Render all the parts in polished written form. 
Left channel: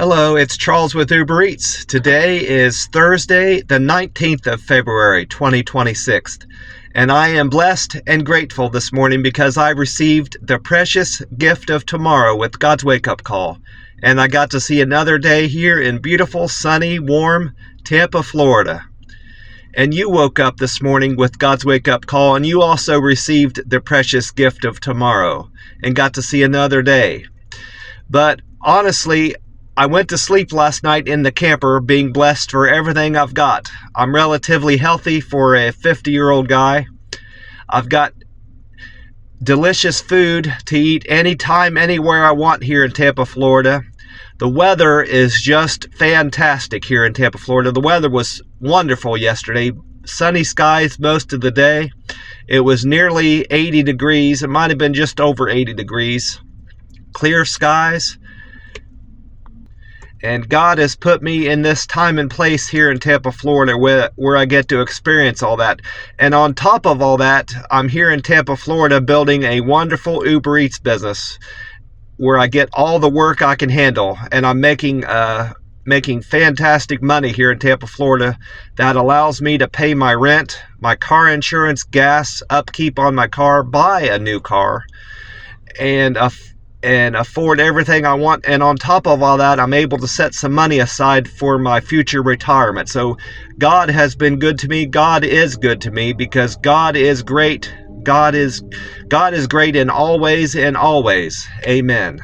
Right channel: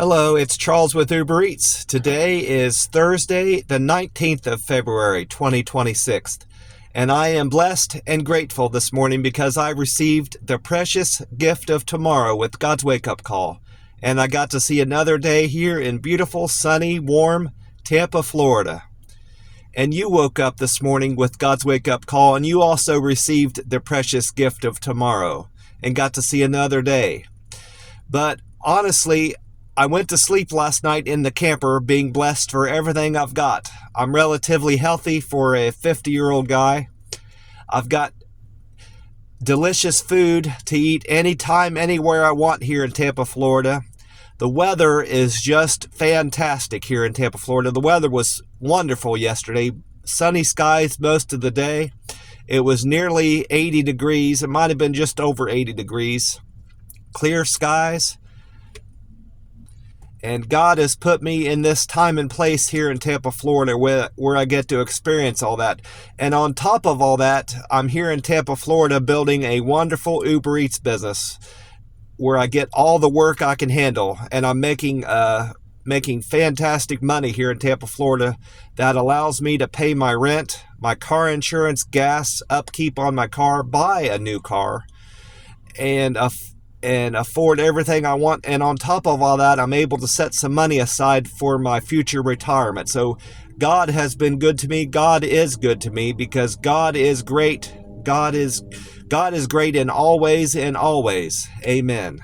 Hello, it's Charles with Uber Eats. Today is Thursday, the 19th of February, 2026. And I am blessed and grateful this morning because I received the precious gift of tomorrow with God's wake-up call. And I got to see another day here in beautiful, sunny, warm Tampa, Florida. And you woke up this morning with God's wake-up call, and you also received the precious gift of tomorrow and got to see another day. But honestly, I went to sleep last night in the camper being blessed for everything I've got. I'm relatively healthy for a 50-year-old guy. I've got delicious food to eat anytime, anywhere I want here in Tampa, Florida. The weather is just fantastic here in Tampa, Florida. The weather was wonderful yesterday. Sunny skies most of the day. It was nearly 80 degrees. It might have been just over 80 degrees. Clear skies. And God has put me in this time and place here in Tampa, Florida, where I get to experience all that. And on top of all that, I'm here in Tampa, Florida, building a wonderful Uber Eats business where I get all the work I can handle. And I'm making fantastic money here in Tampa, Florida that allows me to pay my rent, my car insurance, gas, upkeep on my car, buy a new car, and afford everything I want. And on top of all that, I'm able to set some money aside for my future retirement. So God has been good to me. God is good to me because God is great. God is great in all ways and always. Amen.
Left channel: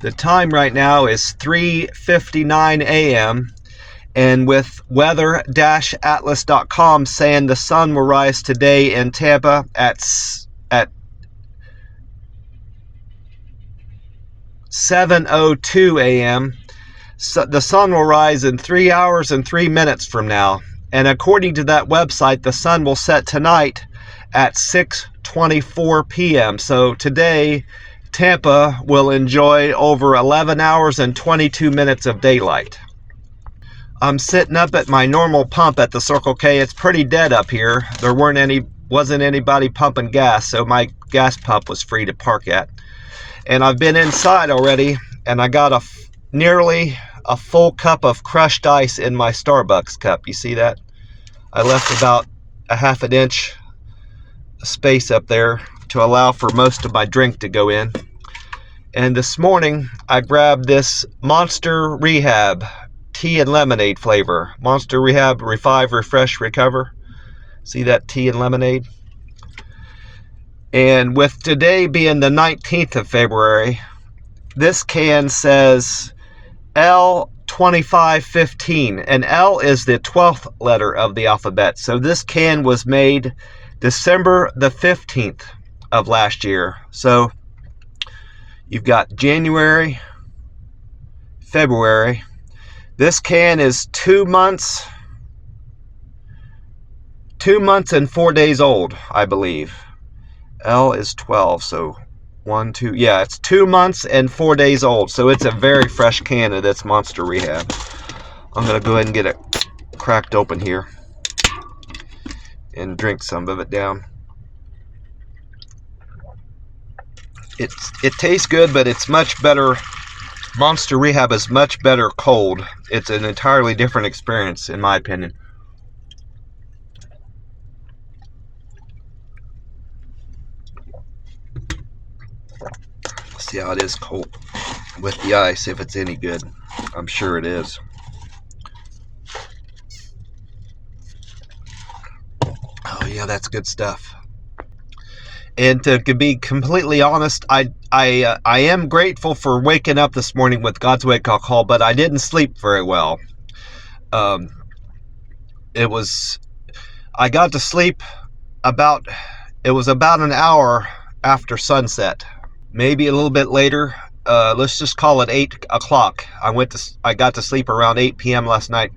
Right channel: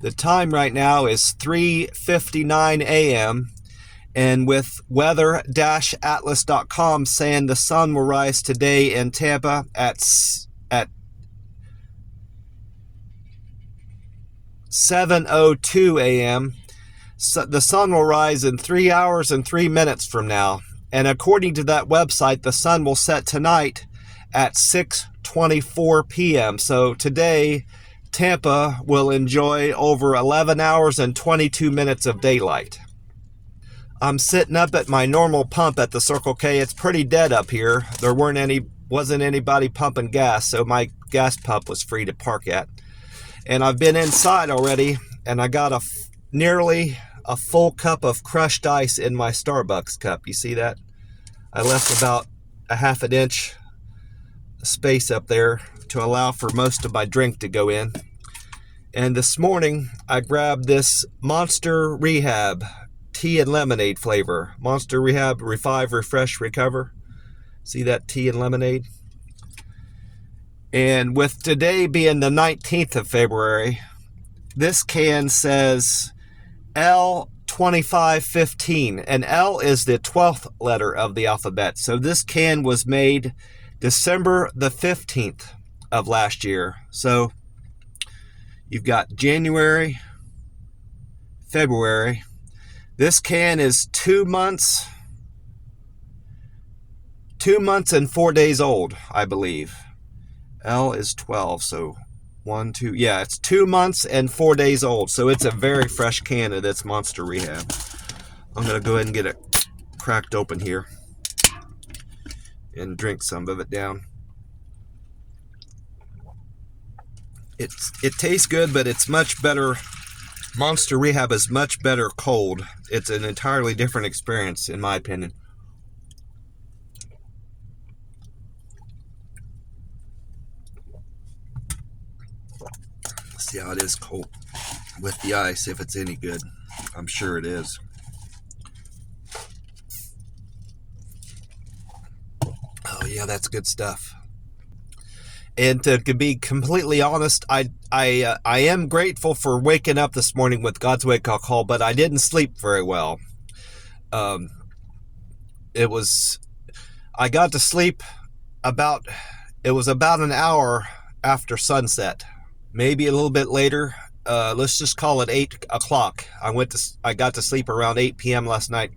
The time right now is 3:59 a.m. and with weather-atlas.com saying the sun will rise today in Tampa at 7:02 a.m. So the sun will rise in 3 hours and 3 minutes from now. And according to that website, the sun will set tonight at 6:24 p.m. So today, Tampa will enjoy over 11 hours and 22 minutes of daylight. I'm sitting up at my normal pump at the Circle K. It's pretty dead up here. There wasn't anybody pumping gas, so my gas pump was free to park at. And I've been inside already, and I got nearly a full cup of crushed ice in my Starbucks cup. You see that? I left about a half an inch space up there to allow for most of my drink to go in. And this morning, I grabbed this Monster Rehab tea and lemonade flavor. Monster Rehab Revive, Refresh, Recover. See that tea and lemonade? And with today being the 19th of February, this can says L2515, and L is the 12th letter of the alphabet. So this can was made December the 15th of last year. So you've got January, February. This can is 2 months and 4 days old, I believe. L is 12, so 1, 2, yeah, it's 2 months and 4 days old. So it's a very fresh can of this Monster Rehab. I'm going to go ahead and get it cracked open here and drink some of it down. It tastes good, but it's much better. Monster Rehab is much better cold. It's an entirely different experience, in my opinion. See how it is cold with the ice, if it's any good. I'm sure it is. Oh yeah, that's good stuff. And to be completely honest, I am grateful for waking up this morning with God's wake-up call, but I didn't sleep very well. I got to sleep about an hour after sunset. Maybe a little bit later. Let's just call it 8 o'clock. I got to sleep around 8 p.m. last night.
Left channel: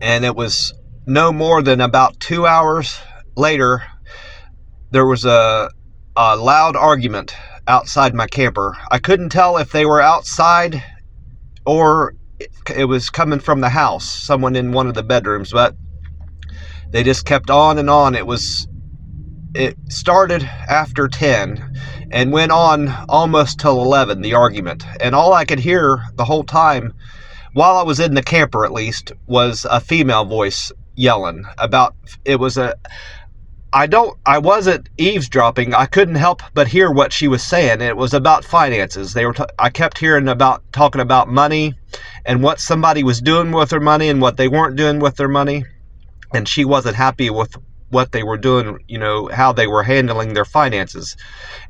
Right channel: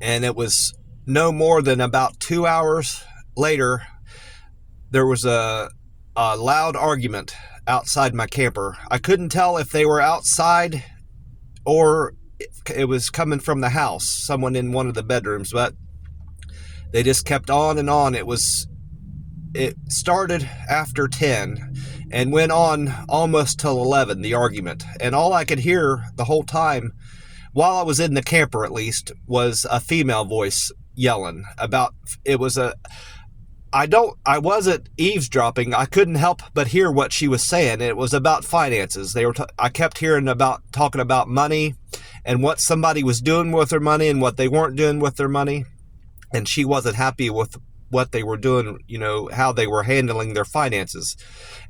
And it was no more than about 2 hours later, there was a loud argument outside my camper. I couldn't tell if they were outside or it was coming from the house, someone in one of the bedrooms, but they just kept on and on. It started after 10, and went on almost till 11, the argument. And all I could hear the whole time, while I was in the camper at least, was a female voice yelling about, it was a, I wasn't eavesdropping. I couldn't help but hear what she was saying. It was about finances. I kept hearing talking about money and what somebody was doing with their money and what they weren't doing with their money. And she wasn't happy with what they were doing, how they were handling their finances.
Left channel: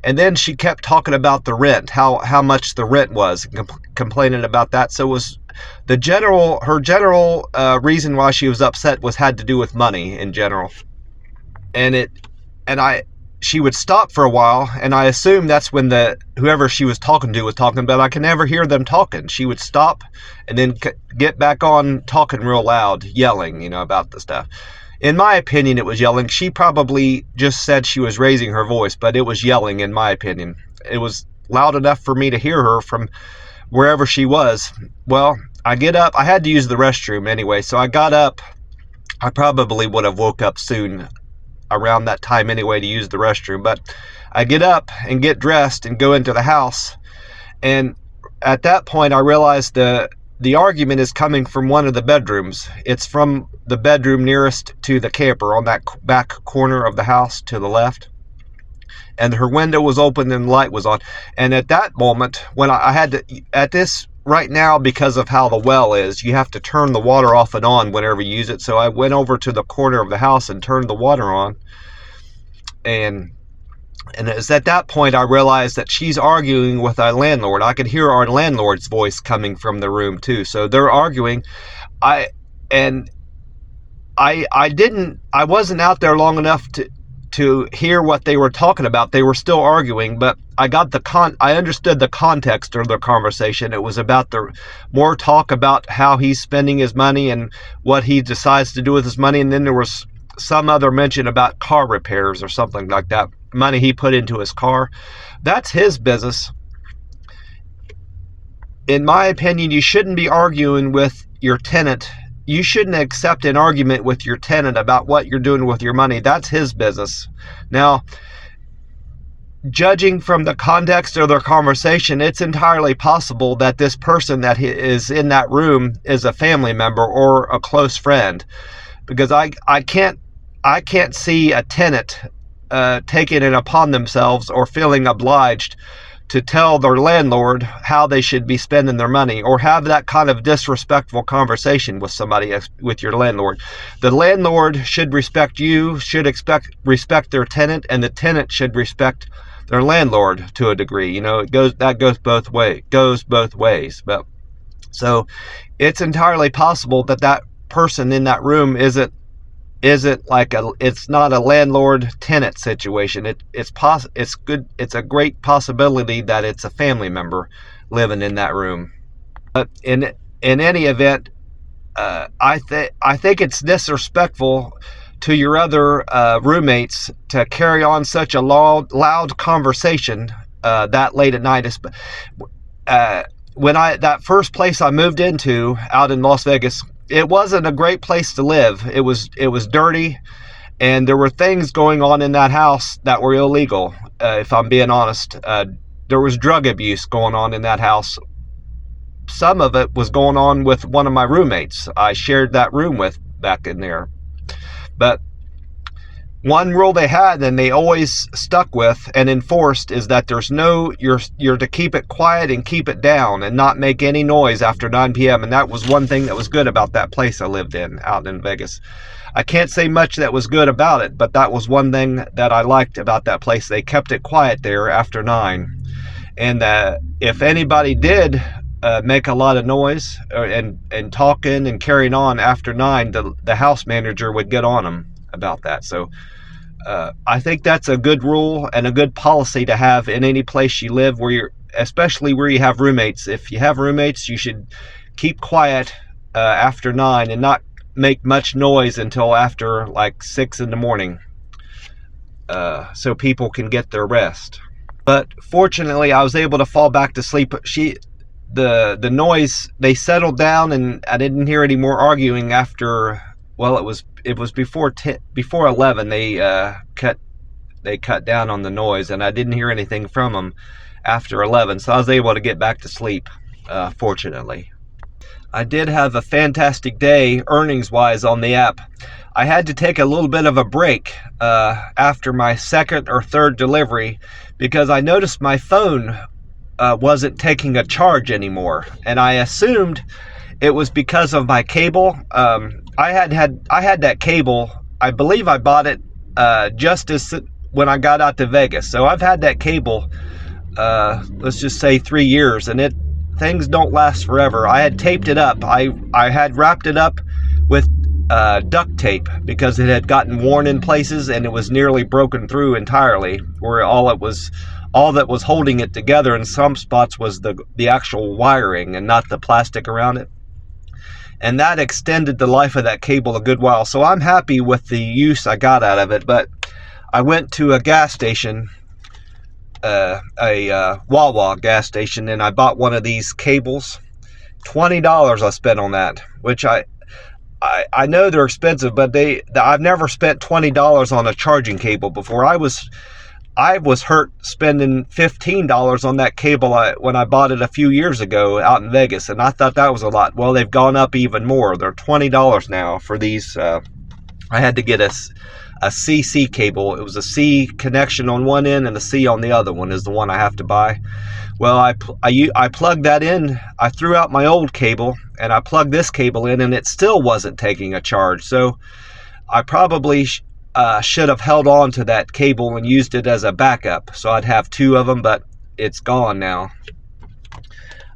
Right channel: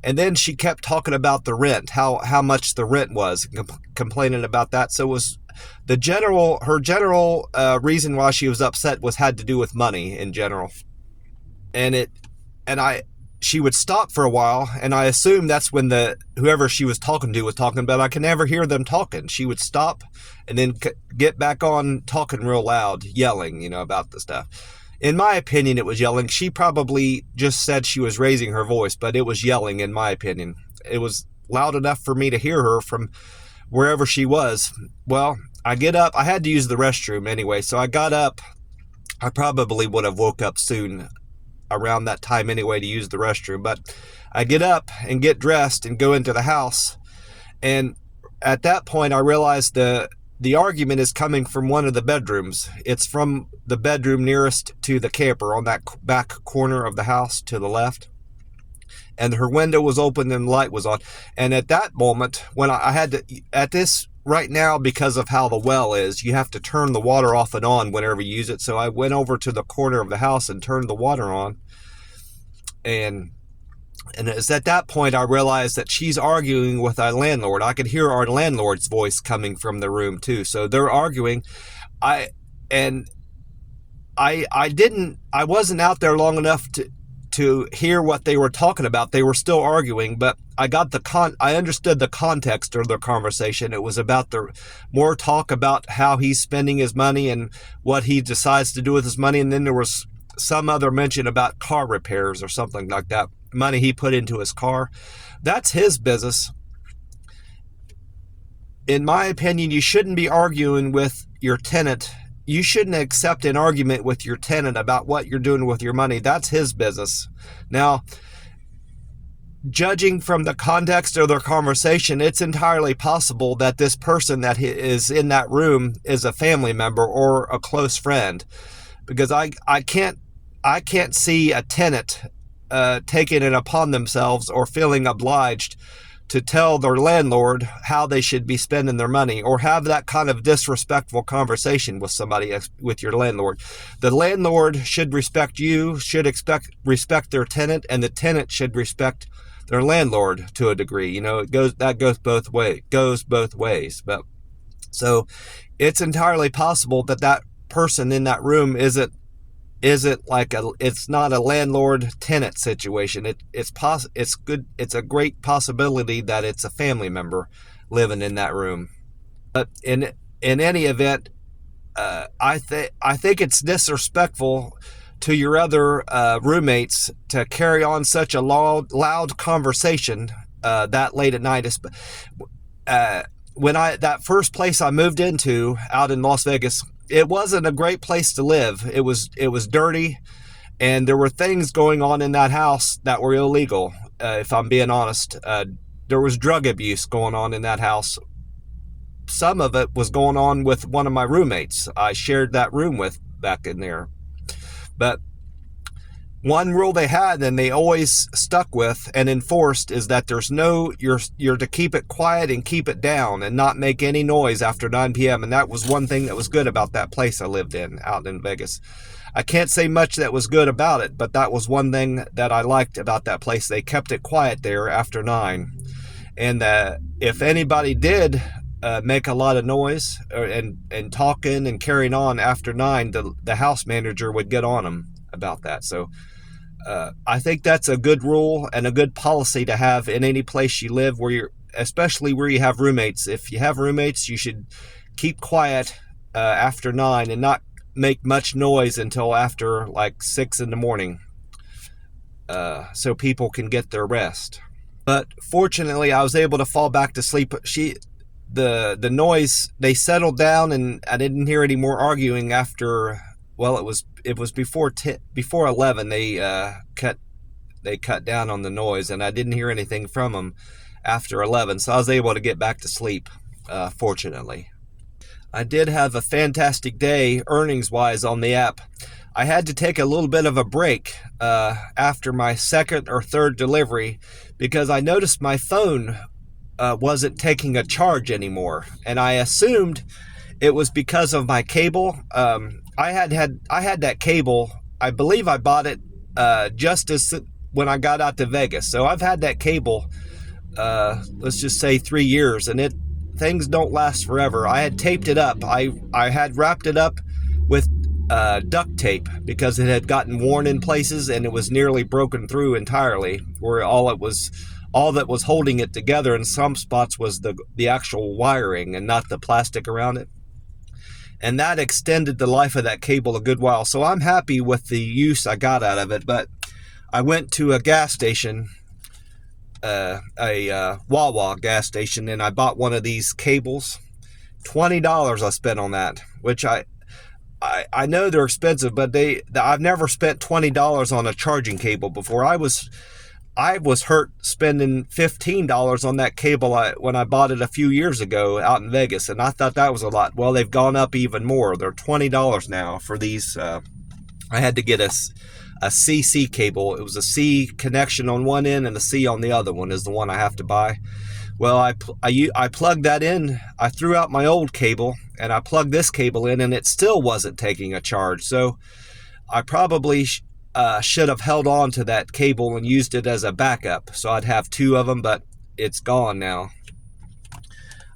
And then she kept talking about the rent, how much the rent was, complaining about that. So it was her general reason why she was upset had to do with money in general. She would stop for a while, and I assume that's when whoever she was talking to was talking, but I can never hear them talking. She would stop and then get back on talking real loud, yelling, about the stuff. In my opinion, it was yelling. She probably just said she was raising her voice, but it was yelling in my opinion. It was loud enough for me to hear her from wherever she was. Well, I get up. I had to use the restroom anyway, so I got up. I probably would have woke up soon around that time anyway to use the restroom, but I get up and get dressed and go into the house, and at that point I realized the argument is coming from one of the bedrooms. It's from the bedroom nearest to the camper on that back corner of the house to the left, and her window was open and the light was on. And at that moment, when I had to, at this right now, because of how the well is, you have to turn the water off and on whenever you use it. So I went over to the corner of the house and turned the water on. And it's at that point I realized that she's arguing with our landlord. I could hear our landlord's voice coming from the room too. So they're arguing. I wasn't out there long enough to hear what they were talking about. They were still arguing, but I understood the context of their conversation. It was about more talk about how he's spending his money and what he decides to do with his money. And then there was some other mention about car repairs or something like that. Money he put into his car. That's his business. In my opinion, you shouldn't be arguing with your tenant. You shouldn't accept an argument with your tenant about what you're doing with your money. That's his business. Now, judging from the context of their conversation, it's entirely possible that this person that is in that room is a family member or a close friend, because I can't see a tenant taking it upon themselves or feeling obliged to tell their landlord how they should be spending their money, or have that kind of disrespectful conversation with your landlord. The landlord should respect you, should respect their tenant, and the tenant should respect their landlord to a degree. That goes both ways. But so it's entirely possible that person in that room isn't it's not a landlord tenant situation. It's a great possibility that it's a family member living in that room. But in any event, I think it's disrespectful to your other roommates to carry on such a loud conversation that late at night. That first place I moved into out in Las Vegas, it wasn't a great place to live. It was dirty, and there were things going on in that house that were illegal. If I'm being honest, there was drug abuse going on in that house. Some of it was going on with one of my roommates I shared that room with back in there. But one rule they had, and they always stuck with and enforced, is that you're to keep it quiet and keep it down and not make any noise after 9 p.m. And that was one thing that was good about that place I lived in out in Vegas. I can't say much that was good about it, but that was one thing that I liked about that place. They kept it quiet there after 9. And if anybody did make a lot of noise and talking and carrying on after 9, the house manager would get on them about that. So I think that's a good rule and a good policy to have in any place you live, especially where you have roommates. If you have roommates, you should keep quiet after 9 and not make much noise until after like 6 in the morning, so people can get their rest. But fortunately, I was able to fall back to sleep. The noise, they settled down, and I didn't hear any more arguing after. Well, it was before 11. They they cut down on the noise, and I didn't hear anything from them after 11, so I was able to get back to sleep, fortunately. I did have a fantastic day earnings-wise on the app. I had to take a little bit of a break after my second or third delivery because I noticed my phone wasn't taking a charge anymore, and I assumed it was because of my cable. I had that cable. I believe I bought it just as when I got out to Vegas. So I've had that cable, let's just say 3 years, and things don't last forever. I had taped it up. I had wrapped it up with duct tape because it had gotten worn in places and it was nearly broken through entirely, where all that was holding it together in some spots was the actual wiring and not the plastic around it. And that extended the life of that cable a good while. So I'm happy with the use I got out of it. But I went to a gas station, a Wawa gas station, and I bought one of these cables. $20 I spent on that, which I know they're expensive, but I've never spent $20 on a charging cable before. I was hurt spending $15 on that cable when I bought it a few years ago out in Vegas, and I thought that was a lot. Well, they've gone up even more. They're $20 now for these. I had to get a CC cable. It was a C connection on one end and a C on the other one is the one I have to buy. Well, I plugged that in. I threw out my old cable and I plugged this cable in, and it still wasn't taking a charge. So I probably should have held on to that cable and used it as a backup, so I'd have two of them, but it's gone now.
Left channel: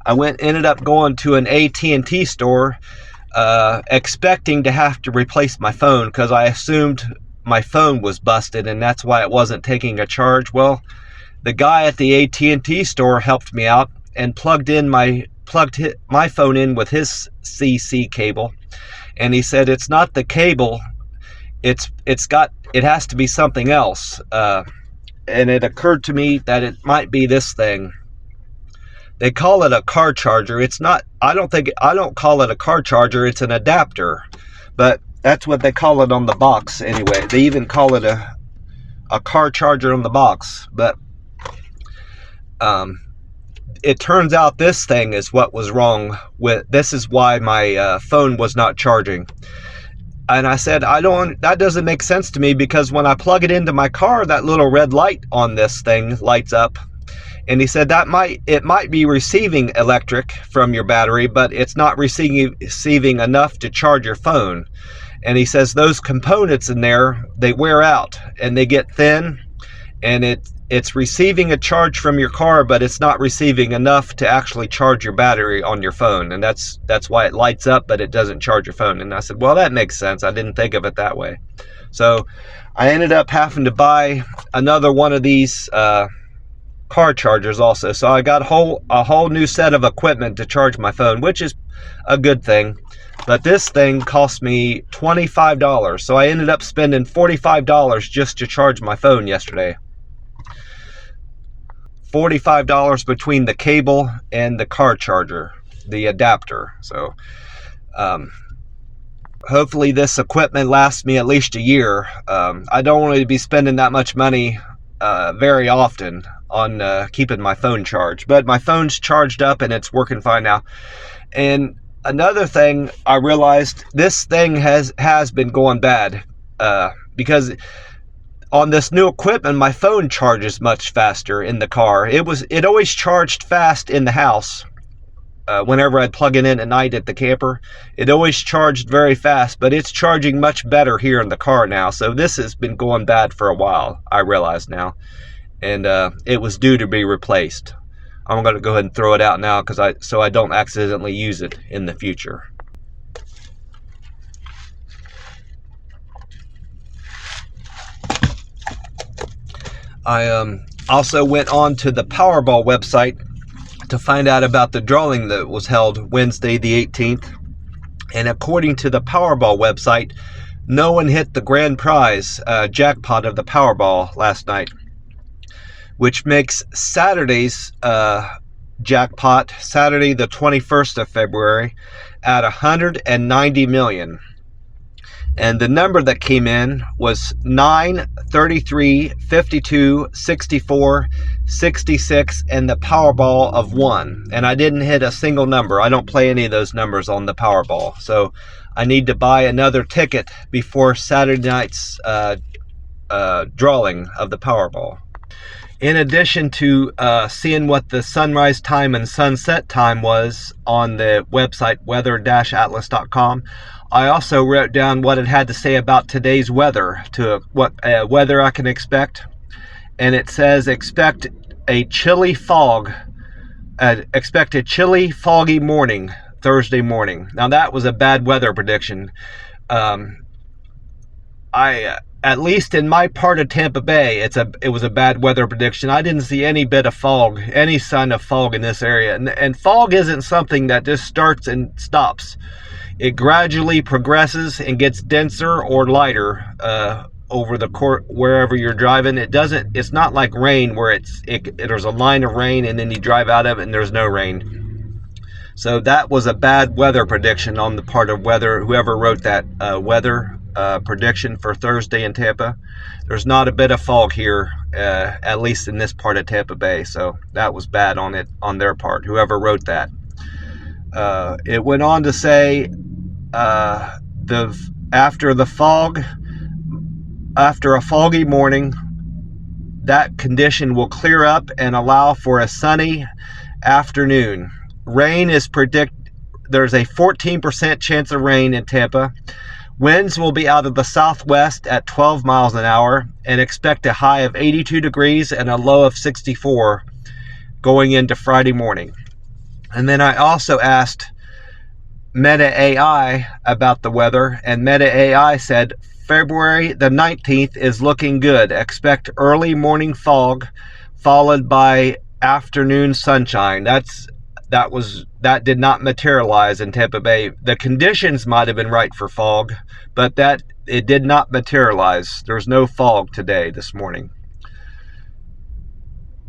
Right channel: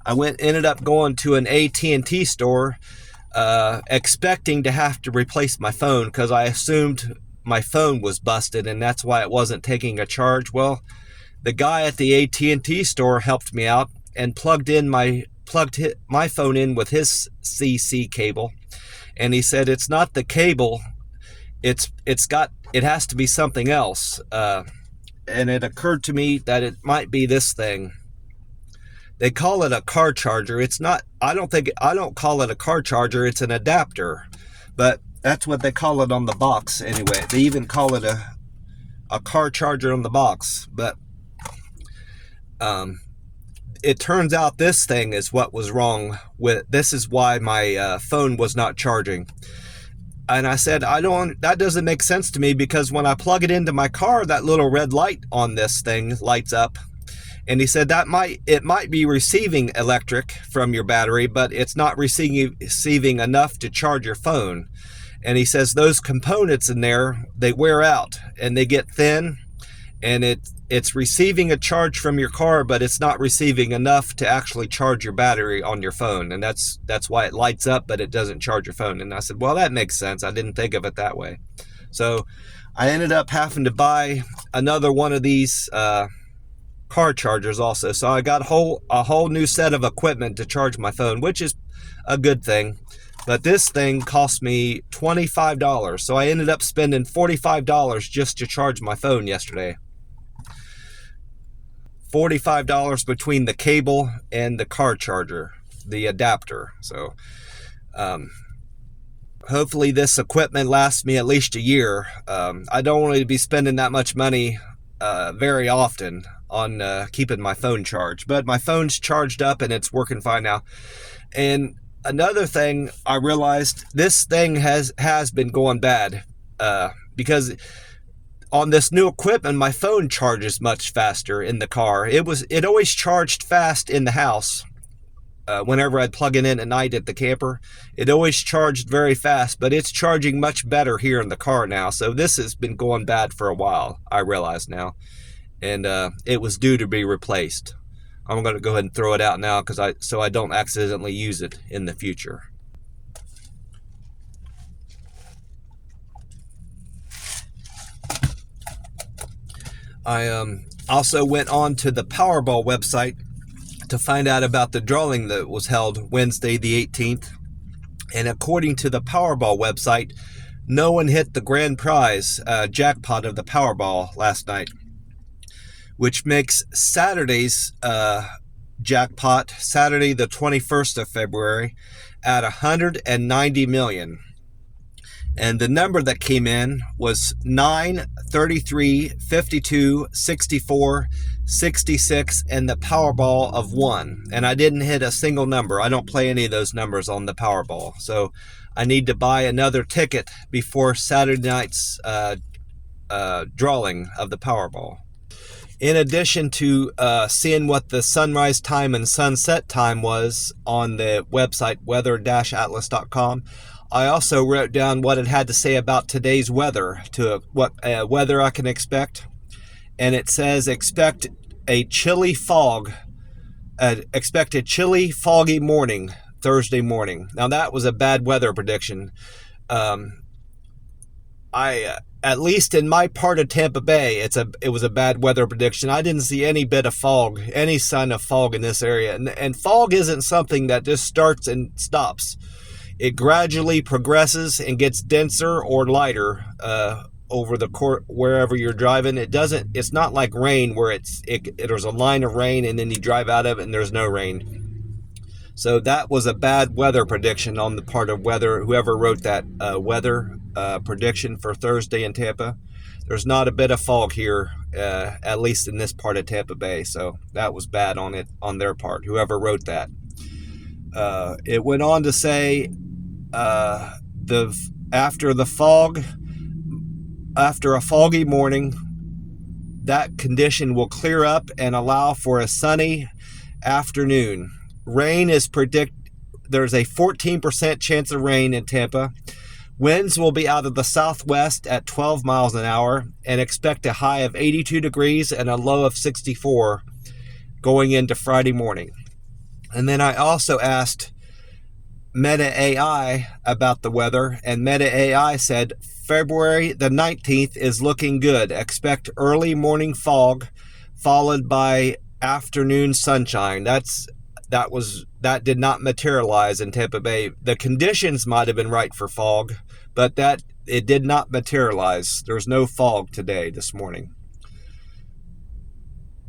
I ended up going to an AT&T store, expecting to have to replace my phone because I assumed my phone was busted and that's why it wasn't taking a charge. Well, the guy at the AT&T store helped me out and plugged my phone in with his CC cable, and he said it's not the cable. It has to be something else, and it occurred to me that it might be this thing. They call it a car charger. It's not. I don't call it a car charger. It's an adapter, but that's what they call it on the box anyway. They even call it a car charger on the box, but it turns out this thing is what was wrong with. This is why my phone was not charging. And I said, that doesn't make sense to me, because when I plug it into my car, that little red light on this thing lights up. And he said it might be receiving electric from your battery, but it's not receiving enough to charge your phone. And he says those components in there, they wear out and they get thin, and it's receiving a charge from your car, but it's not receiving enough to actually charge your battery on your phone. And that's why it lights up, but it doesn't charge your phone. And I said, well, that makes sense. I didn't think of it that way. So I ended up having to buy another one of these car chargers also. So I got a whole new set of equipment to charge my phone, which is a good thing. But this thing cost me $25. So I ended up spending $45 just to charge my phone yesterday. $45 between the cable and the car charger, the adapter. So hopefully this equipment lasts me at least a year. I don't want to be spending that much money very often on keeping my phone charged, but my phone's charged up and it's working fine now. And another thing I realized, this thing has been going bad because on this new equipment, my phone charges much faster in the car. It always charged fast in the house. Whenever I'd plug it in at night at the camper, it always charged very fast, but it's charging much better here in the car now. So this has been going bad for a while, I realize now. And it was due to be replaced. I'm going to go ahead and throw it out now so I don't accidentally use it in the future. I also went on to the Powerball website to find out about the drawing that was held Wednesday the 18th. And according to the Powerball website, no one hit the grand prize jackpot of the Powerball last night, which makes Saturday's jackpot, Saturday the 21st of February, at $190 million. And the number that came in was 9, 33, 52, 64, 66, and the Powerball of 1. And I didn't hit a single number. I don't play any of those numbers on the Powerball. So I need to buy another ticket before Saturday night's drawing of the Powerball. In addition to seeing what the sunrise time and sunset time was on the website weather-atlas.com, I also wrote down what it had to say about today's weather, to what weather I can expect. And it says expect a chilly fog, expect a chilly, foggy morning, Thursday morning. Now that was a bad weather prediction. At least in my part of Tampa Bay, it was a bad weather prediction. I didn't see any bit of fog, any sign of fog in this area. And fog isn't something that just starts and stops. It gradually progresses and gets denser or lighter over the court wherever you're driving. It's not like rain where there's a line of rain and then you drive out of it and there's no rain. So that was a bad weather prediction on the part of whoever wrote that weather prediction for Thursday in Tampa. There's not a bit of fog here, at least in this part of Tampa Bay. So that was bad on their part, whoever wrote that. It went on to say after a foggy morning, that condition will clear up and allow for a sunny afternoon. Rain is there's a 14% chance of rain in Tampa. Winds will be out of the southwest at 12 miles an hour, and expect a high of 82 degrees and a low of 64 going into Friday morning. And then I also asked Meta AI about the weather, and Meta AI said February the 19th is looking good. Expect early morning fog followed by afternoon sunshine. That did not materialize in Tampa Bay. The conditions might have been right for fog, but it did not materialize. There's no fog this morning.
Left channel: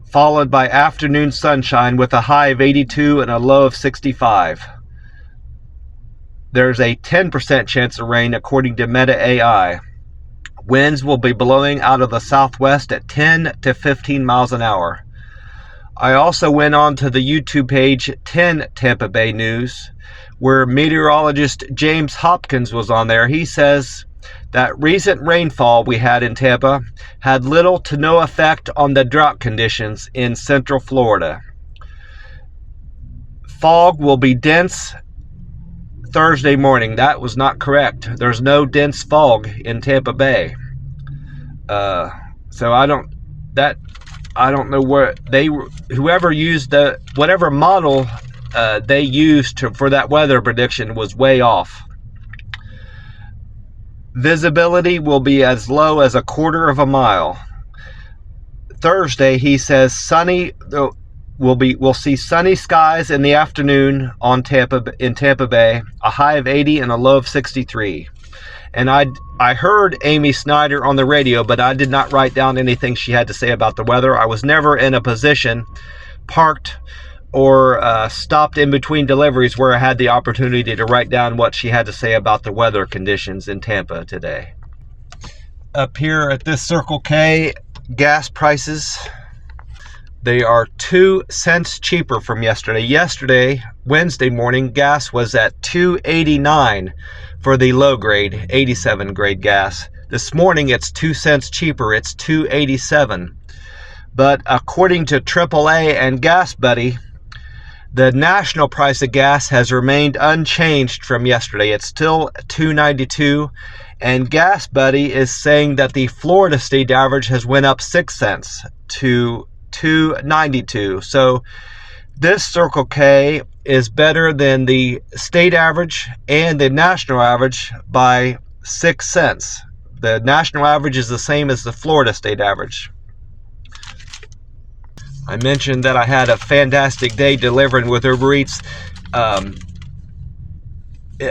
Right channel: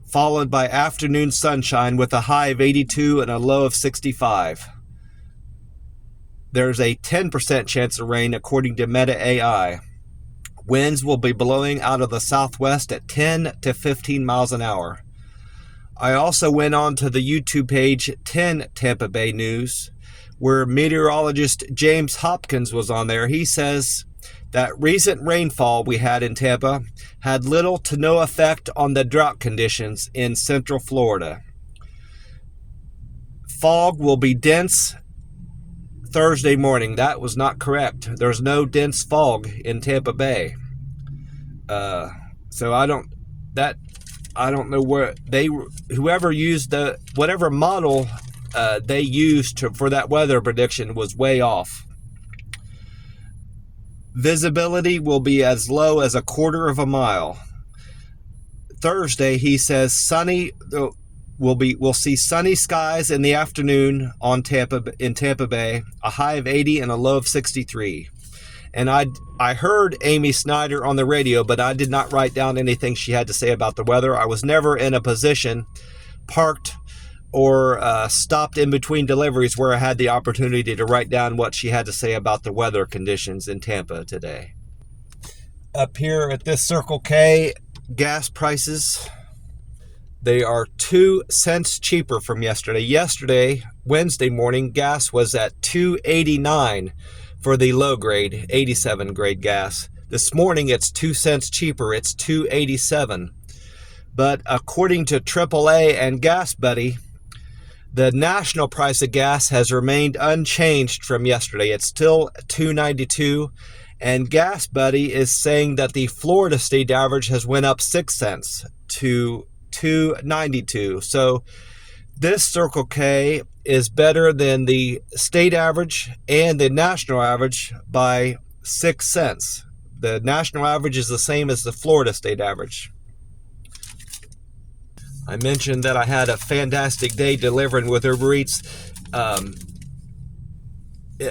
Followed by afternoon sunshine with a high of 82 and a low of 65. There's a 10% chance of rain according to Meta AI. Winds will be blowing out of the southwest at 10 to 15 miles an hour. I also went on to the YouTube page 10 Tampa Bay News, where meteorologist James Hopkins was on there. He says that recent rainfall we had in Tampa had little to no effect on the drought conditions in central Florida. Fog will be dense Thursday morning. That was not correct. There's no dense fog in Tampa Bay. So I don't know where whoever used whatever model they used for that weather prediction was way off. Visibility will be as low as a quarter of a mile. Thursday, he says we'll see sunny skies in the afternoon in Tampa Bay, a high of 80 and a low of 63. And I heard Amy Snyder on the radio, but I did not write down anything she had to say about the weather. I was never in a position, parked or stopped in between deliveries where I had the opportunity to write down what she had to say about the weather conditions in Tampa today. Up here at this Circle K, gas prices, they are 2 cents cheaper from yesterday. Yesterday, Wednesday morning, gas was at $2.89 for the low grade, 87 grade gas. This morning, it's 2 cents cheaper. It's $2.87. But according to AAA and Gas Buddy, the national price of gas has remained unchanged from yesterday. It's still $2.92. And Gas Buddy is saying that the Florida state average has went up 6 cents to $2.92. So this Circle K is better than the state average and the national average by 6 cents. The national average is the same as the Florida state average. I mentioned that I had a fantastic day delivering with Uber Eats.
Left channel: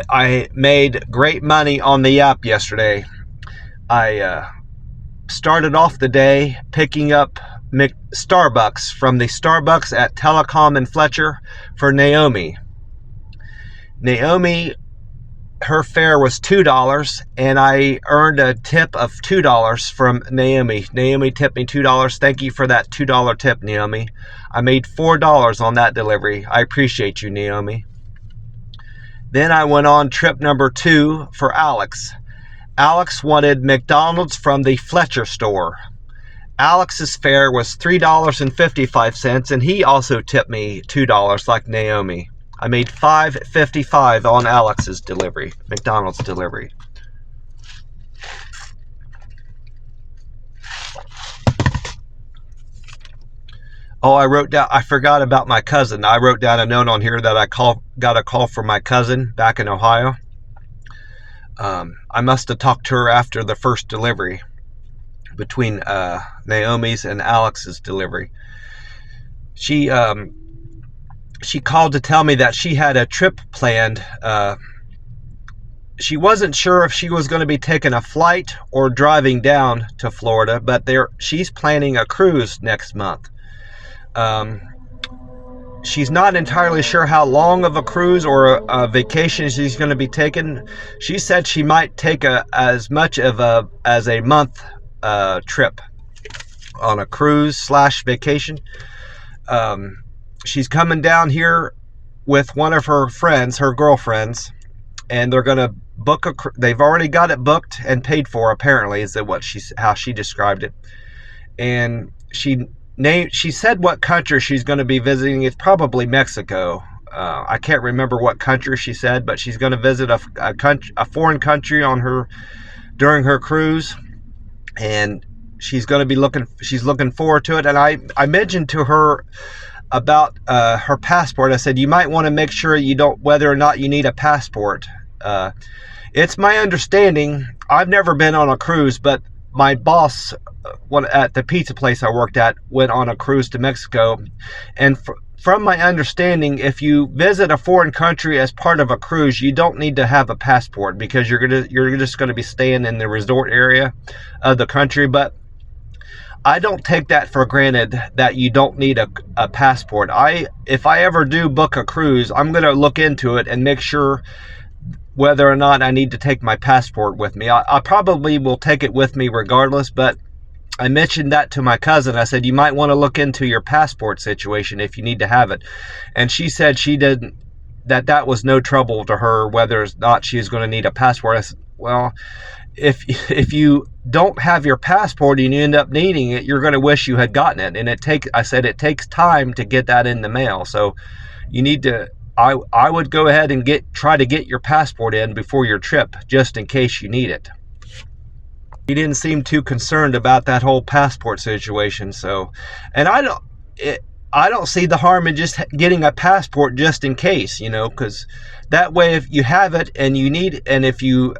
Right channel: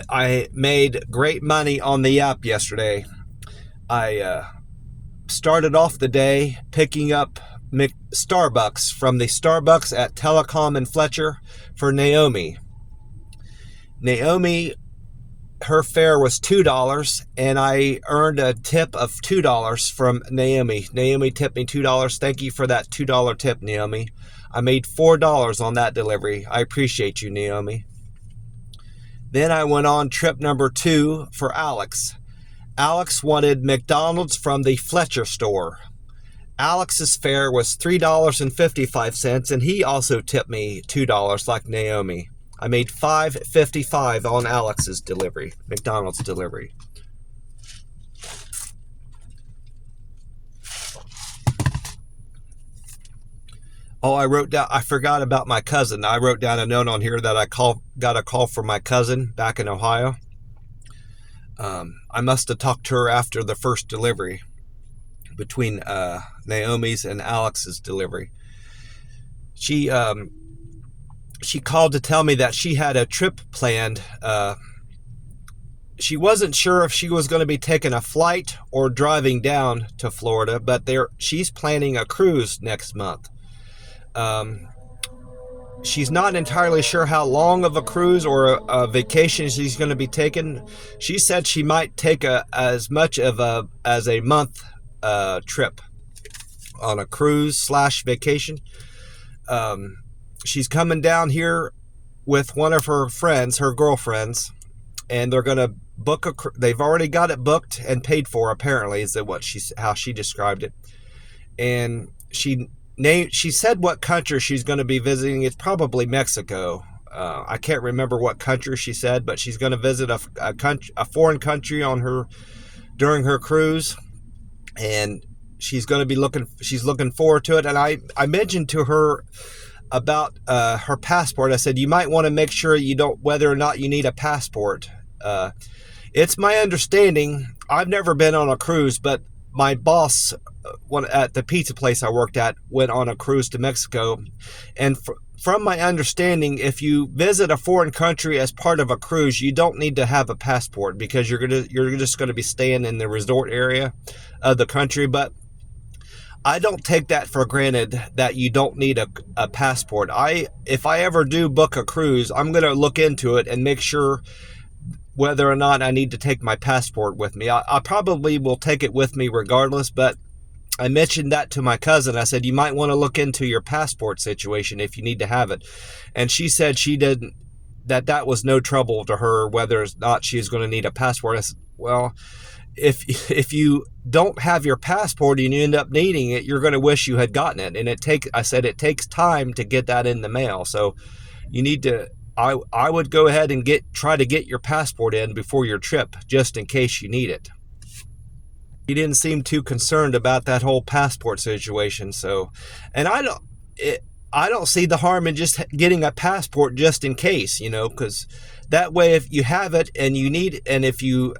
I made great money on the app yesterday. I started off the day picking up Starbucks from the Starbucks at Telecom and Fletcher for Naomi. Naomi her fare was $2, and I earned a tip of $2 from Naomi. Naomi tipped me $2. Thank you for that $2 tip, Naomi. I made $4 on that delivery. I appreciate you, Naomi. Then I went on trip number 2 for Alex. Alex wanted McDonald's from the Fletcher store. Alex's fare was $3.55, and he also tipped me $2 like Naomi. I made $5.55 on Alex's delivery, McDonald's delivery. Oh, I forgot about my cousin. I wrote down a note on here that got a call from my cousin back in Ohio. I must have talked to her after the first delivery between Naomi's and Alex's delivery. She called to tell me that she had a trip planned. She wasn't sure if she was going to be taking a flight or driving down to Florida, but she's planning a cruise next month. She's not entirely sure how long of a cruise or a vacation she's going to be taking. She said she might take as much of as a month trip on a cruise / vacation. She's coming down here with one of her friends, her girlfriends, and they're going to book they've already got it booked and paid for, apparently, is how she described it. And she said what country she's going to be visiting. It's probably Mexico. I can't remember what country she said, but she's going to visit a foreign country during her cruise, and she's looking forward to it. And I mentioned to her about her passport. I said, you might want to make sure whether or not you need a passport. It's my understanding, I've never been on a cruise, but my boss at the pizza place I worked at went on a cruise to Mexico. And from my understanding, if you visit a foreign country as part of a cruise, you don't need to have a passport, because you're just going to be staying in the resort area of the country. But I don't take that for granted that you don't need a passport. If I ever do book a cruise, I'm going to look into it and make sure whether or not I need to take my passport with me. I probably will take it with me regardless, but I mentioned that to my cousin. I said, you might want to look into your passport situation if you need to have it. And she said that was no trouble to her, whether or not she is going to need a passport. I said, well, if you don't have your passport and you end up needing it, you're going to wish you had gotten it. And it takes time to get that in the mail. So you need to, I would go ahead and try to get your passport in before your trip, just in case you need it. He didn't seem too concerned about that whole passport situation. So, and I don't see the harm in just getting a passport just in case, because that way, if you have it and you need, and if you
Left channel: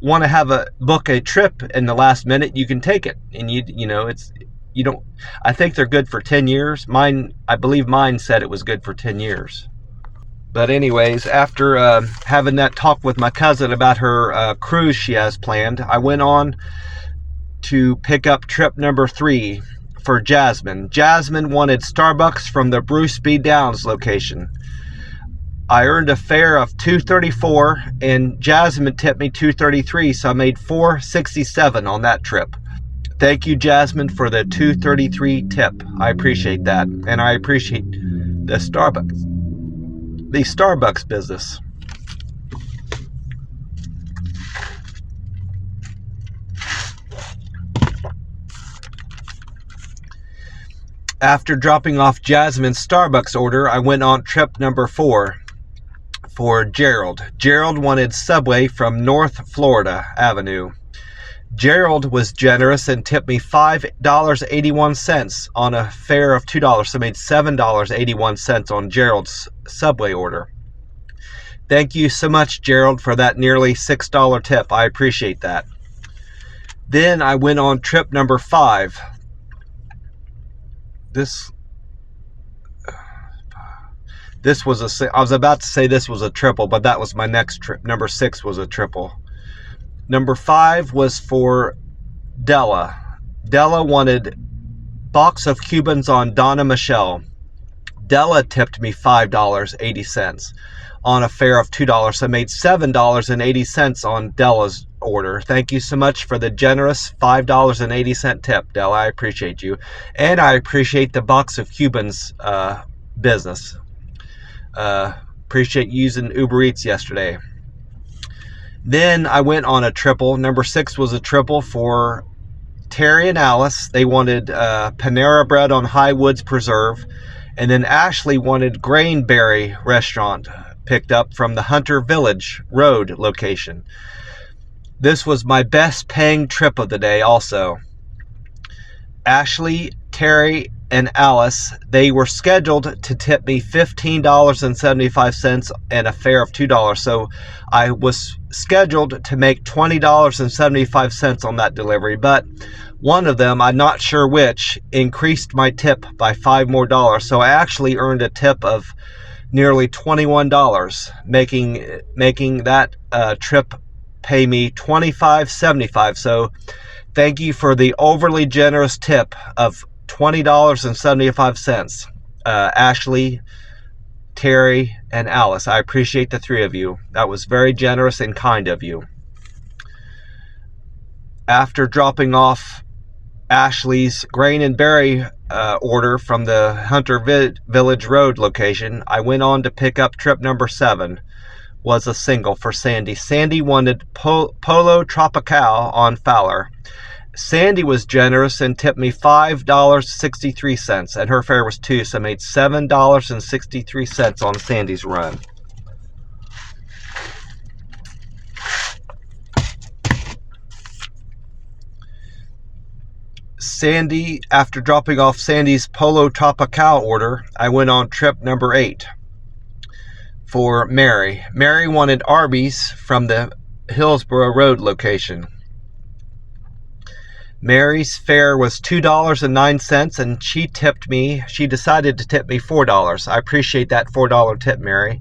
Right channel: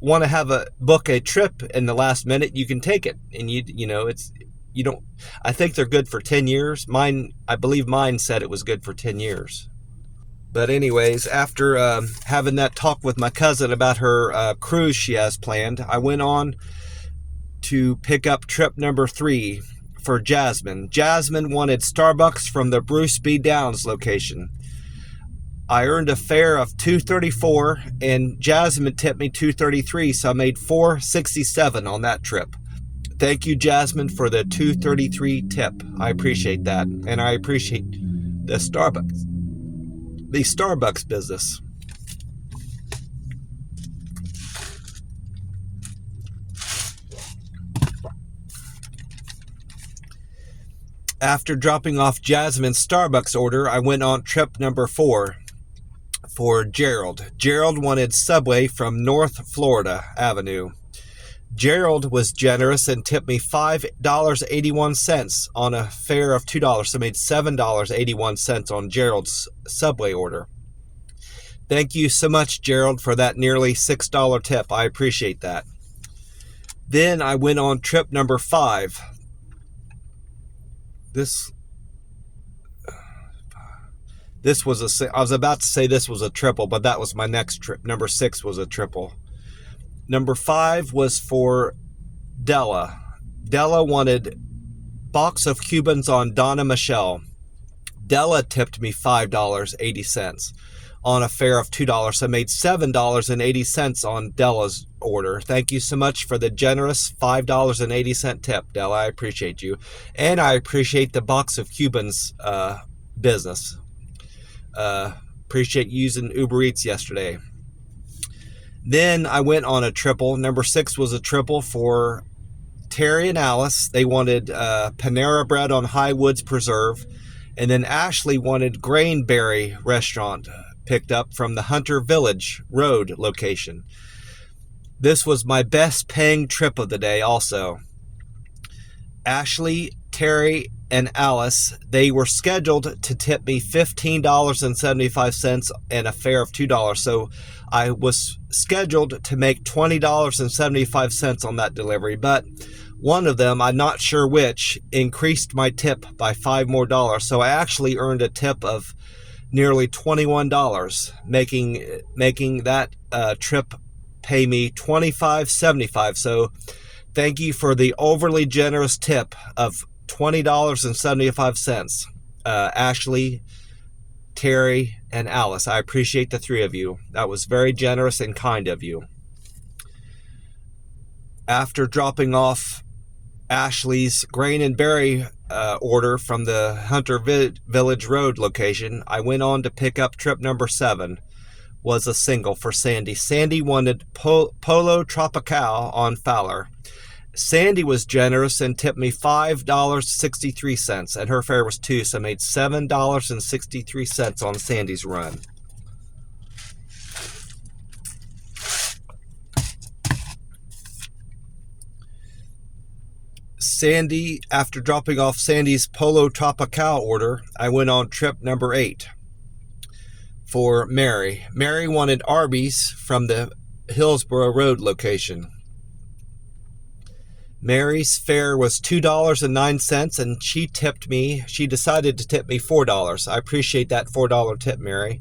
want to book a trip in the last minute, you can take it. And I think they're good for 10 years. I believe mine said it was good for 10 years. But anyways, after having that talk with my cousin about her cruise she has planned, I went on to pick up trip number 3 for Jasmine. Jasmine wanted Starbucks from the Bruce B. Downs location. I earned a fare of $2.34, and Jasmine tipped me $2.33, so I made $4.67 on that trip. Thank you, Jasmine, for the $2.33 tip. I appreciate that, and I appreciate the Starbucks business. After dropping off Jasmine's Starbucks order, I went on trip number 4 for Gerald. Gerald wanted Subway from North Florida Avenue. Gerald was generous and tipped me $5.81 on a fare of $2, so I made $7.81 on Gerald's Subway order. Thank you so much, Gerald, for that nearly $6 tip. I appreciate that. Then I went on trip number 5. I was about to say this was a triple, but that was my next trip. Number 6 was a triple. Number 5 was for Della. Della wanted box of Cubans on Donna Michelle. Della tipped me $5.80. on a fare of $2. So I made $7.80 on Della's order. Thank you so much for the generous $5.80 tip, Della. I appreciate you. And I appreciate the Box of Cubans business. Appreciate using Uber Eats yesterday. Then I went on a triple. Number 6 was a triple for Terry and Alice. They wanted Panera Bread on Highwoods Preserve. And then Ashley wanted Grainberry Restaurant picked up from the Hunter Village Road location. This was my best paying trip of the day also. Ashley, Terry, and Alice, they were scheduled to tip me $15.75 and a fare of $2. So I was scheduled to make $20.75 on that delivery, but one of them, I'm not sure which, increased my tip by $5 more. So I actually earned a tip of nearly $21, making that trip pay me $25.75. So thank you for the overly generous tip of $20.75. Ashley, Terry, and Alice. I appreciate the 3 of you. That was very generous and kind of you. After dropping off Ashley's grain and berry order from the Hunter Village Road location, I went on to pick up trip number 7. Was a single for Sandy. Sandy wanted Polo Tropical on Fowler. Sandy was generous and tipped me $5.63, and her fare was $2, so I made $7.63 on Sandy's run. Sandy, after dropping off Sandy's Polo Tropical order, I went on trip number 8 for Mary. Mary wanted Arby's from the Hillsborough Road location. Mary's fare was $2.09, and she decided to tip me $4. I appreciate that $4 tip, Mary.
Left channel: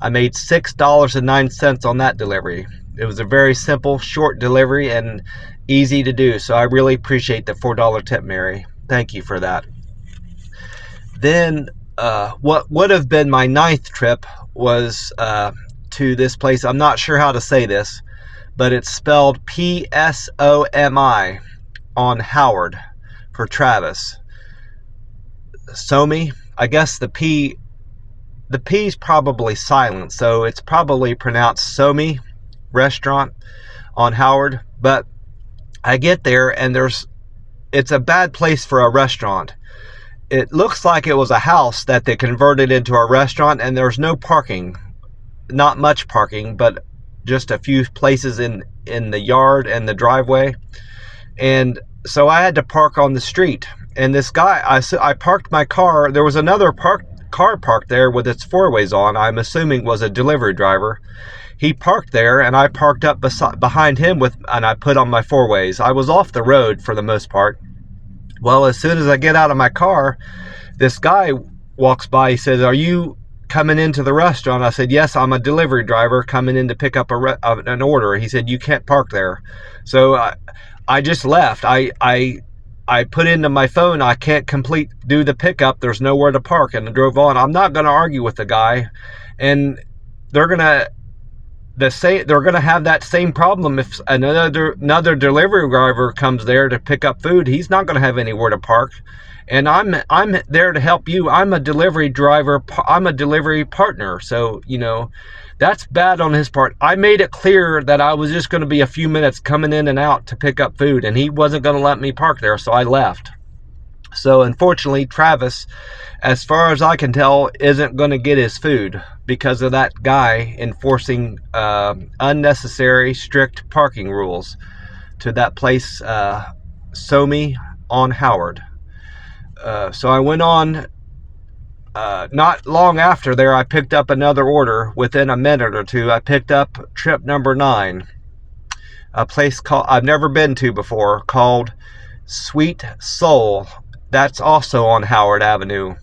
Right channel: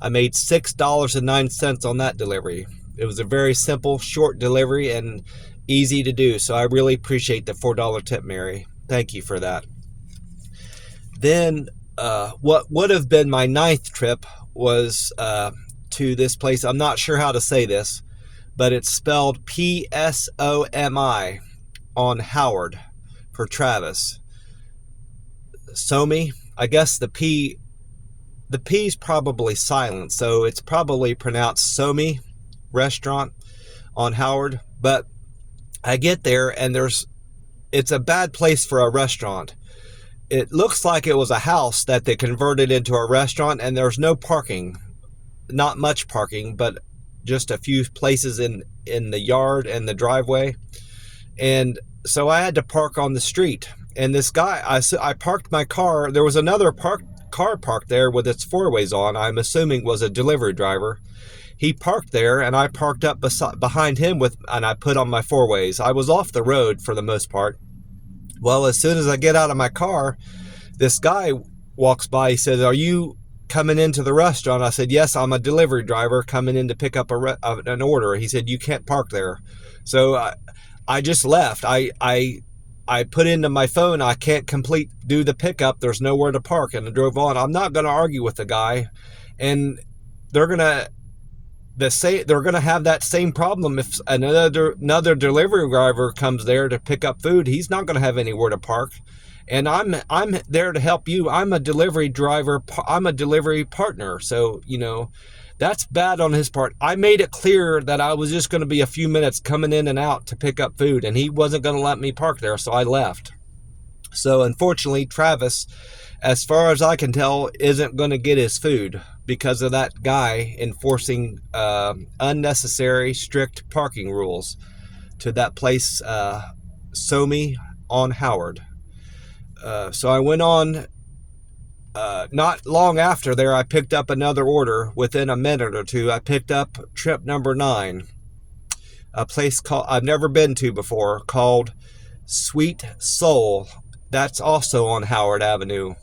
I made $6.09 on that delivery. It was a very simple, short delivery and easy to do, so I really appreciate the $4 tip, Mary. Thank you for that. Then what would have been my 9th trip was to this place. I'm not sure how to say this, but it's spelled P-S-O-M-I on Howard for Travis. Somi, I guess the P's probably silent, so it's probably pronounced Somi Restaurant on Howard. But I get there and it's a bad place for a restaurant. It looks like it was a house that they converted into a restaurant, and there's no parking. Not much parking, but just a few places in the yard and the driveway. And so I had to park on the street. And this guy, I parked my car. There was another car parked there with its 4-ways on. I'm assuming was a delivery driver. He parked there, and I parked up behind him and I put on my 4-ways. I was off the road for the most part. Well, as soon as I get out of my car, this guy walks by. He says, "Are you coming into the restaurant?" I said, "Yes, I'm a delivery driver coming in to pick up an order." He said, "You can't park there." So I just left. I put into my phone, "I can't do the pickup. There's nowhere to park," and I drove on. I'm not going to argue with the guy, and they're going to have that same problem if another delivery driver comes there to pick up food. He's not going to have anywhere to park, and I'm there to help you. I'm a delivery driver. I'm a delivery partner. So that's bad on his part. I made it clear that I was just going to be a few minutes coming in and out to pick up food, and he wasn't going to let me park there, so I left. So unfortunately, Travis, as far as I can tell, isn't going to get his food because of that guy enforcing unnecessary strict parking rules to that place, Somi on Howard. So I went on. Not long after there, I picked up another order. Within a minute or two, I picked up trip number 9. A place I've never been to before, called Sweet Soul. That's also on Howard Avenue.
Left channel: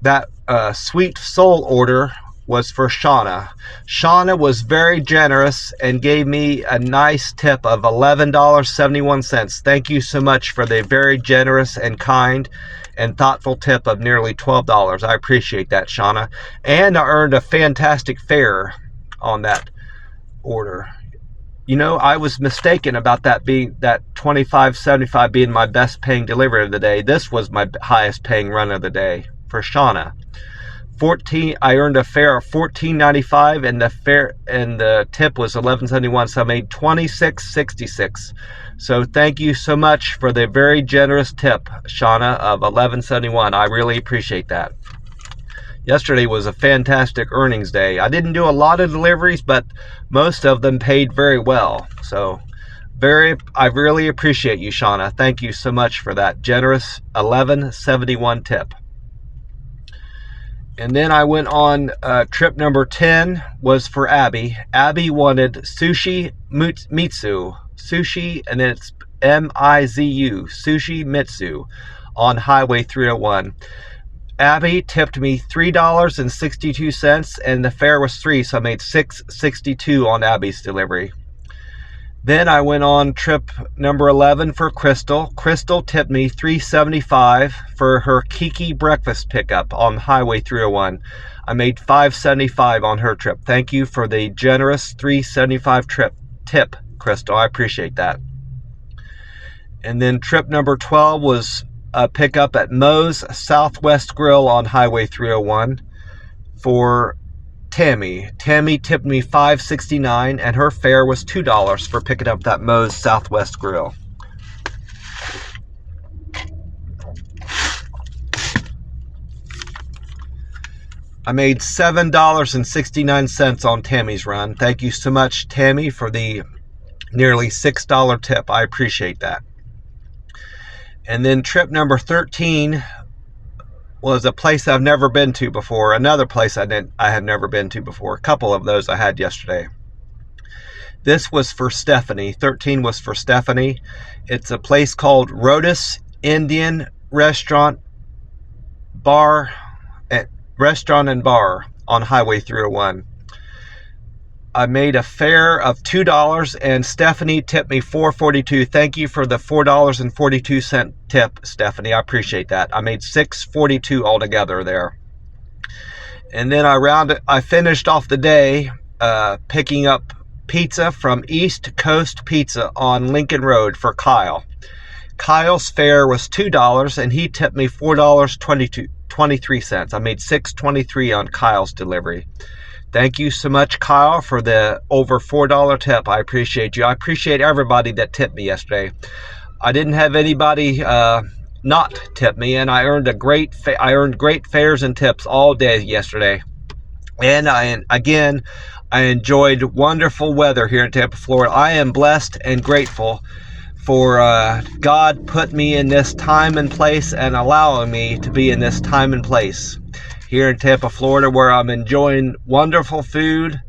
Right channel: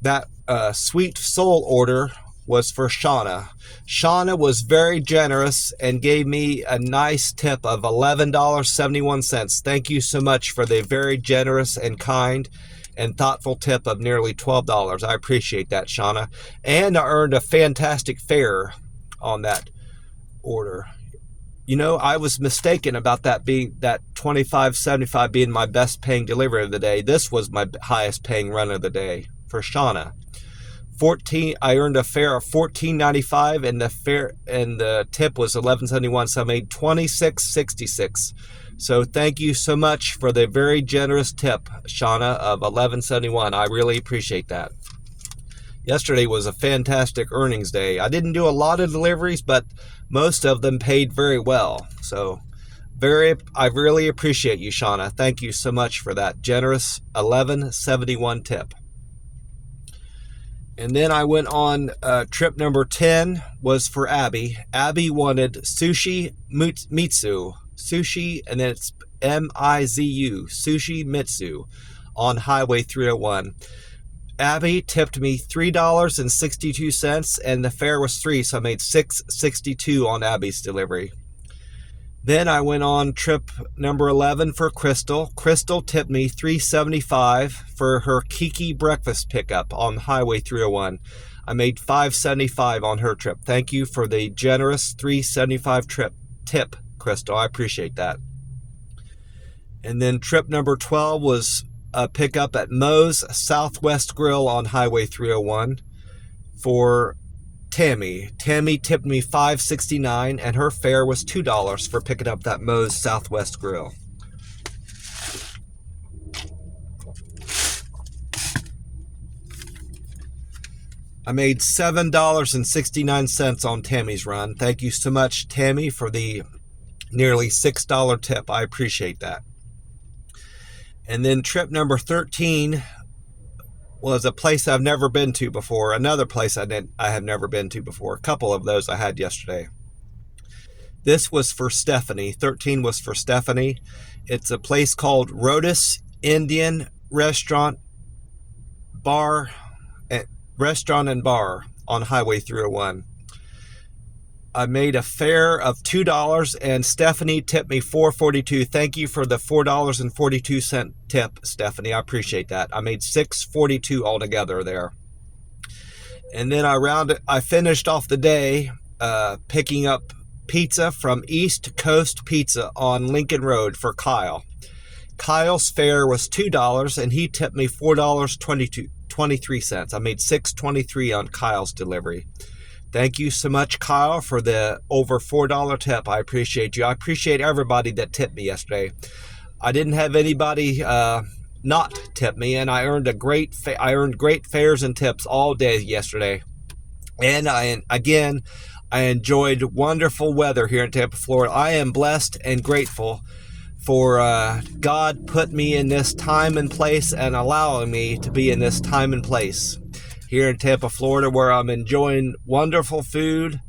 That Sweet Soul order was for Shauna. Shauna was very generous and gave me a nice tip of $11.71. Thank you so much for the very generous and kind and thoughtful tip of nearly $12. I appreciate that, Shauna. And I earned a fantastic fare on that order. You know, I was mistaken about that being that $25.75 being my best paying delivery of the day. This was my highest paying run of the day for Shauna. I earned a fare of $14.95 and the tip was $11.71, so I made $26.66. So thank you so much for the very generous tip, Shauna, of $11.71. I really appreciate that. Yesterday was a fantastic earnings day. I didn't do a lot of deliveries, but most of them paid very well. So I really appreciate you, Shauna. Thank you so much for that generous $11.71 tip. And then I went on trip number 10 was for Abby. Abby wanted sushi mitsu. Sushi, and then it's M-I-Z-U. Sushi Mitsu on Highway 301. Abby tipped me $3.62 and the fare was $3, so I made $6.62 on Abby's delivery. Then I went on trip number 11 for Crystal. Crystal tipped me $3.75 for her Kiki breakfast pickup on Highway 301. I made $5.75 on her trip. Thank you for the generous $3.75 tip, Crystal. I appreciate that. And then trip number 12 was a pickup at Moe's Southwest Grill on Highway 301 for Tammy. Tammy tipped me $5.69 and her fare was $2 for picking up that Moe's Southwest Grill. I made $7.69 on Tammy's run. Thank you so much, Tammy, for the nearly $6 tip. I appreciate that. And then trip number 13 was a place I've never been to before. Another place I had never been to before. A couple of those I had yesterday. This was for Stephanie. 13 was for Stephanie. It's a place called Rotis Indian Restaurant and Bar on Highway 301. I made a fare of $2 and Stephanie tipped me $4.42. Thank you for the $4.42 tip, Stephanie. I appreciate that. I made $6.42 altogether there. And then I finished off the day picking up pizza from East Coast Pizza on Lincoln Road for Kyle. Kyle's fare was $2 and he tipped me $4.23. I made $6.23 on Kyle's delivery. Thank you so much, Kyle, for the over $4 tip. I appreciate you. I appreciate everybody that tipped me yesterday. I didn't have anybody not tip me, and I earned great fares and tips all day yesterday. And I enjoyed wonderful weather here in Tampa, Florida. I am blessed and grateful for God put me in this time and place and allowing me to be in this time and place here in Tampa, Florida, where I'm enjoying wonderful food.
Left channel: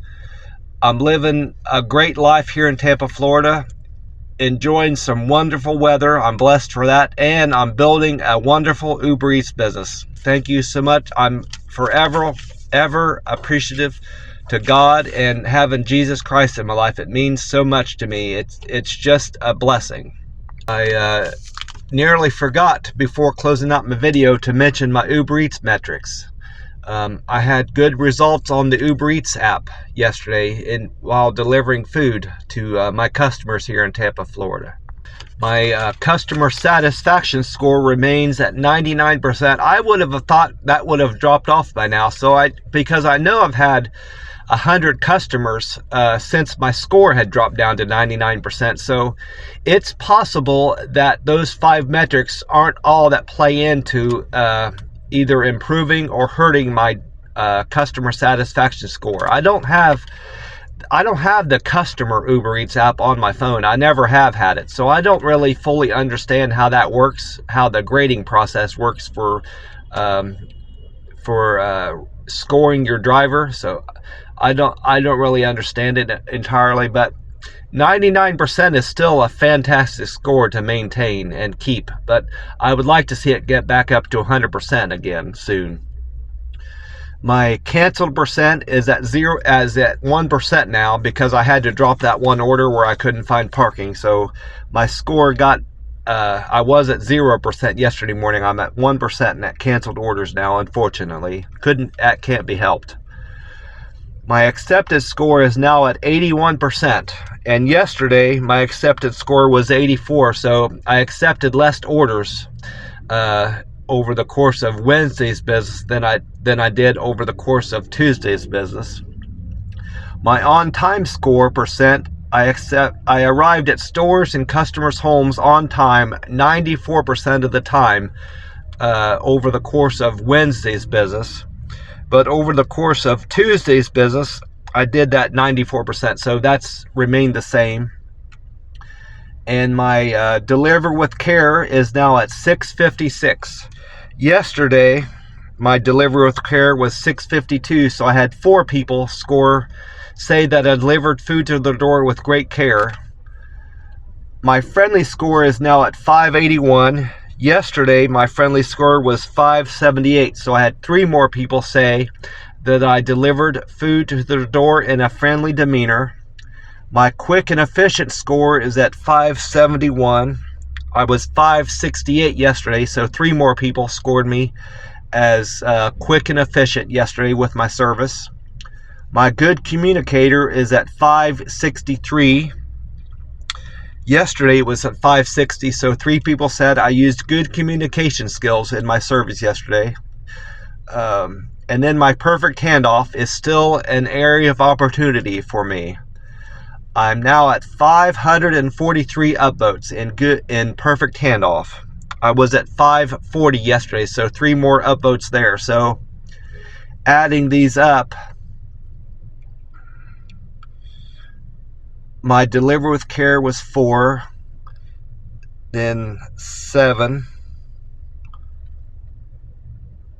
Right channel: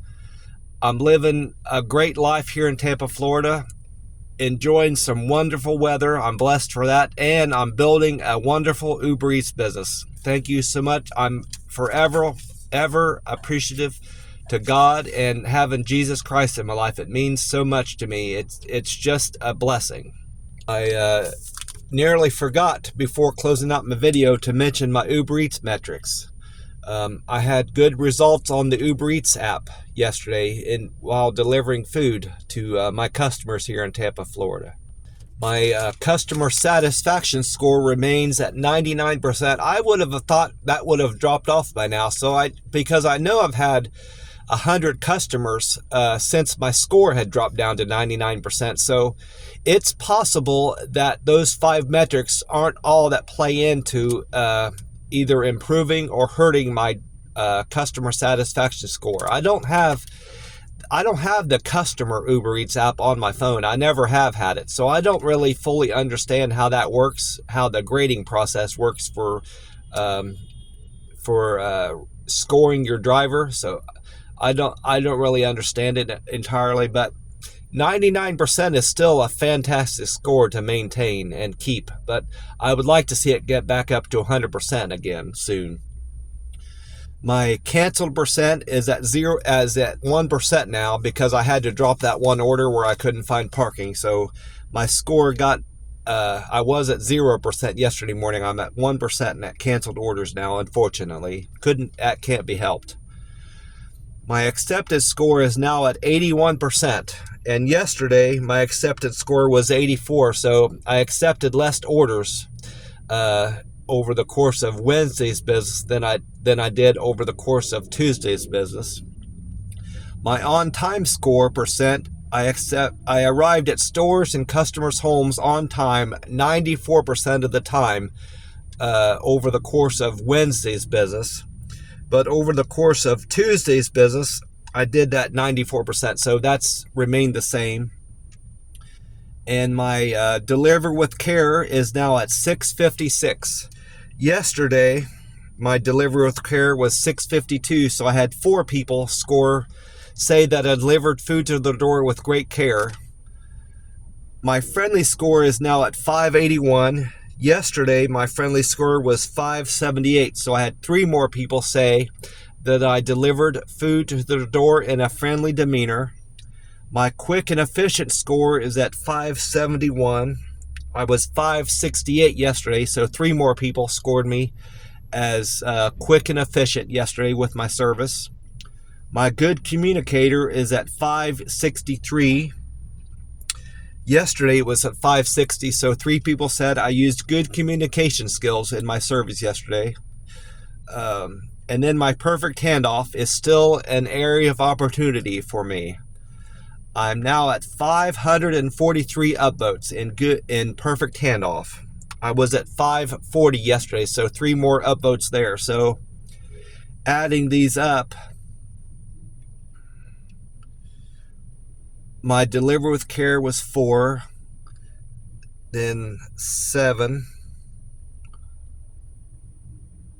I'm living a great life here in Tampa, Florida, enjoying some wonderful weather. I'm blessed for that, and I'm building a wonderful Uber Eats business. Thank you so much. I'm forever, ever appreciative to God and having Jesus Christ in my life. It means so much to me. It's just a blessing. I nearly forgot before closing out my video to mention my Uber Eats metrics. I had good results on the Uber Eats app yesterday while delivering food to my customers here in Tampa, Florida. My customer satisfaction score remains at 99%. I would have thought that would have dropped off by now. Because I know I've had 100 customers since my score had dropped down to 99%. So it's possible that those 5 metrics aren't all that play into either improving or hurting my customer satisfaction score. I don't have the customer Uber Eats app on my phone. I never have had it, so I don't really fully understand how that works, how the grading process works for scoring your driver. So I don't really understand it entirely, but 99% is still a fantastic score to maintain and keep, but I would like to see it get back up to 100% again soon. My canceled percent is at 1% now because I had to drop that one order where I couldn't find parking. So my score got, I was at 0% yesterday morning. I'm at 1% in that canceled orders now, unfortunately. That can't be helped. My accepted score is now at 81%. And yesterday, my accepted score was 84. So I accepted less orders over the course of Wednesday's business than I did over the course of Tuesday's business. My on-time score percent, I arrived at stores and customers' homes on time 94% of the time over the course of Wednesday's business. But over the course of Tuesday's business, I did that 94%, so that's remained the same. And my deliver with care is now at 656. Yesterday, my deliver with care was 652, so I had 4 people say that I delivered food to their door with great care. My friendly score is now at 581. Yesterday, my friendly score was 578, so I had 3 more people say that I delivered food to their door in a friendly demeanor. My quick and efficient score is at 571. I was 568 yesterday, so 3 more people scored me as quick and efficient yesterday with my service. My good communicator is at 563. Yesterday it was at 560, so 3 people said I used good communication skills in my service yesterday. And then my perfect handoff is still an area of opportunity for me. I'm now at 543 upvotes in perfect handoff. I was at 540 yesterday, so 3 more upvotes there. So adding these up, my deliver with care was 4, then 7.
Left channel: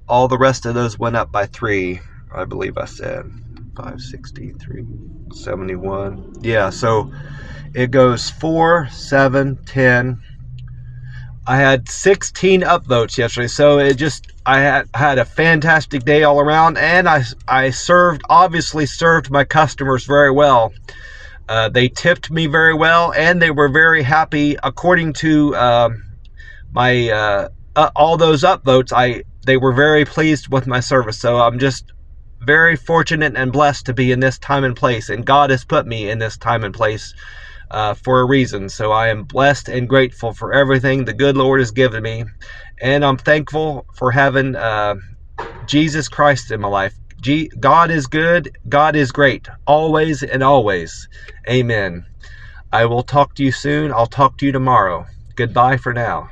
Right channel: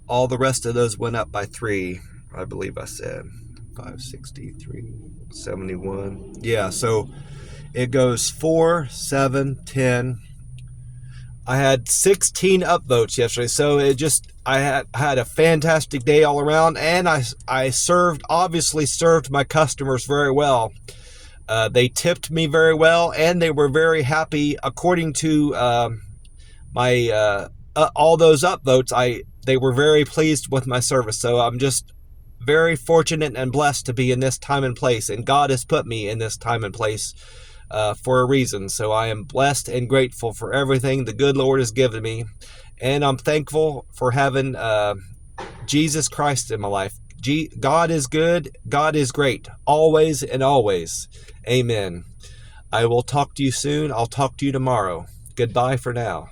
All the rest of those went up by 3, I believe I said. 563, 71. Yeah, so it goes 4, 7, 10. I had 16 upvotes yesterday, so I had a fantastic day all around, and I obviously served my customers very well. They tipped me very well, and they were very happy. According to my all those upvotes, they were very pleased with my service. So I'm just very fortunate and blessed to be in this time and place, and God has put me in this time and place for a reason. So I am blessed and grateful for everything the good Lord has given me, and I'm thankful for having Jesus Christ in my life. God is good, God is great, always and always. Amen. I will talk to you soon. I'll talk to you tomorrow. Goodbye for now.